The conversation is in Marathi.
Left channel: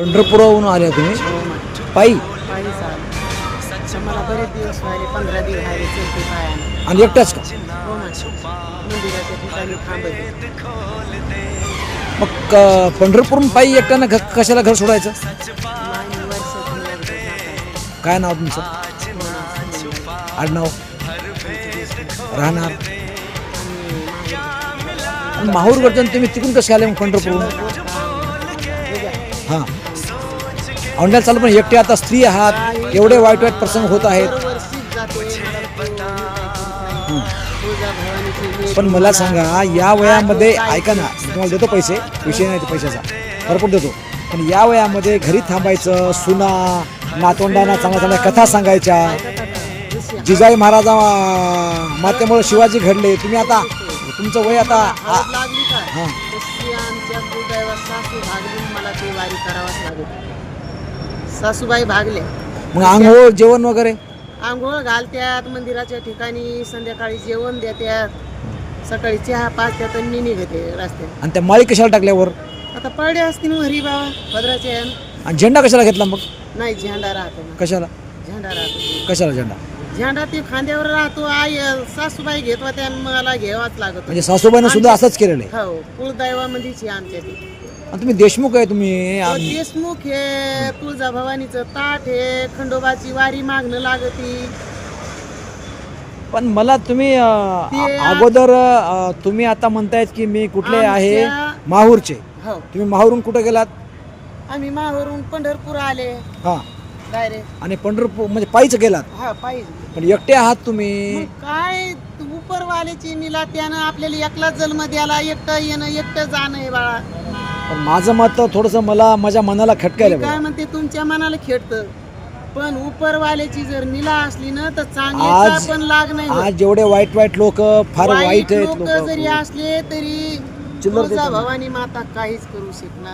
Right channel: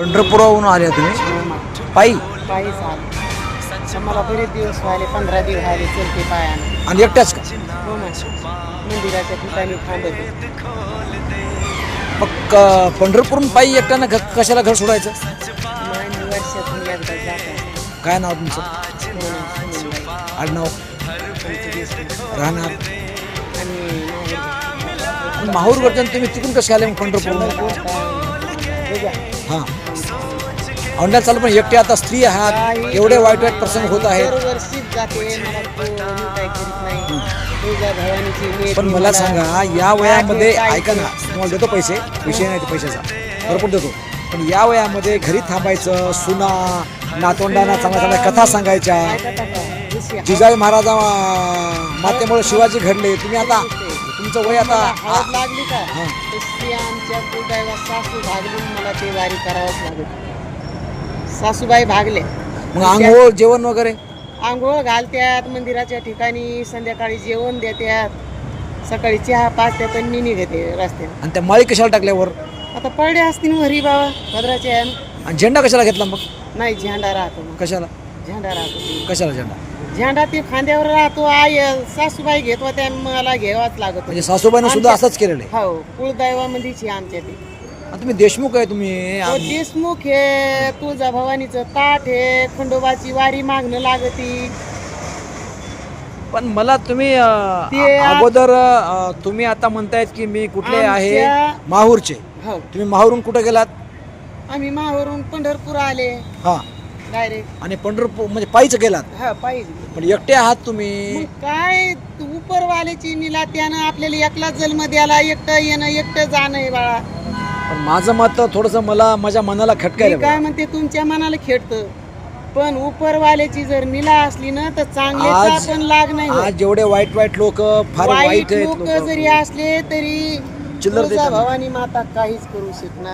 पंढरपुराहून आल्या तुम्ही पायी पायी चाल आम्हाला बरेच दिवस झाले, 15 दिवस झाले चलते पायाने. आणि एकट्याच का? मंदिराच्या ठिकाणी थांबते. मग पंढरपूरहून पायी एकट्यानं कशाला घर सोडायचं? आणि वर्षातून एकदा जातो. काय नाव तुमचं? आडनाव? राहणार? आणि माहूर वर्तन तुम्ही तिकडून कसे आले मग पंढरपूरहून? हां ऑनलाईन चालू, पण एकटे आता स्त्री आहात, एवढे वाईट वाईट प्रसंग होत आहेत. दरवर्षीच जाते. पण मला सांगा, या वयामध्ये ऐका ना, तुम्हाला देतो पैसे, विषय नाही पैशाचा, भरपूर देतो, पण या वयामध्ये घरी थांबायचं, सुना नातवंडांना चांगल्या चांगल्या कथा सांगायच्या, जिजाई महाराजा मातेमुळे शिवाजी घडले, तुम्ही आता तुमचं वय आता हळद लागली का हां तशी आमच्या कुलदैवत सासू भागली, मला ते वारी करावंच लागत. सासूबाई भागले, मग आंघोळ जेवण वगैरे आंघोळ घालत्यात, मंदिराच्या ठिकाणी संध्याकाळी जेवण देत्यात, सकाळी चहा पाचत्यात आणि मी निघते रस्त्यात. आणि त्या माळी कशाला टाकल्यावर? आता पडले असतील हरी बाबा भद्राचे. आणि झेंडा कशाला घेतला मग? नाही झेंडा राहतो, कशाला झेंडा राहतो, कशाला झेंडा? झेंडा ते खांद्यावर राहतो. आई सासूबाई घेत होत्या, मला घ्यावाच लागत. म्हणजे सासूबाईनं सुद्धा असंच केलेलं आहे. हो कुलदैवामध्येच आमच्या ते. आणि तुम्ही देशमुख आहे तुम्ही. तो देशमुख हे तुळजाभवानीचं ताट हे, खंडोबाची वारी मागणं लागती. पण मला तुम्ही ते अगोदर तुम्ही आता म्हणतायत की मी कुठले आहे? माहूरचे. हो तुम्ही माहूरून कुठे गेलात? आम्ही माहूरून पंढरपूर आले हा डायरेक्ट. आणि पंढरपूर म्हणजे पायीच गेलात? हा पाहिजे. पण एकटे आहात तुम्ही. काय उपरवाल्याची निला त्यानं आपल्याला एकला जन्म द्यायला, एकटं येणं एकटं जाणं आहे बाळा. पण माझं मत थोडंसं मला माझ्या मनाला खटकायला मी काय म्हणते, तुमच्या मनाला खेळतं, पण उपरवाल्याची जर निला असली ना तर चांगल्याचा आज- पण लाग नाही होत. आज जेवढे वाईट वाईट लोक फार वाईट आहेत लोक जरी असले तरी चिल्लर देतात. भवानी माता काहीच करू शकणार.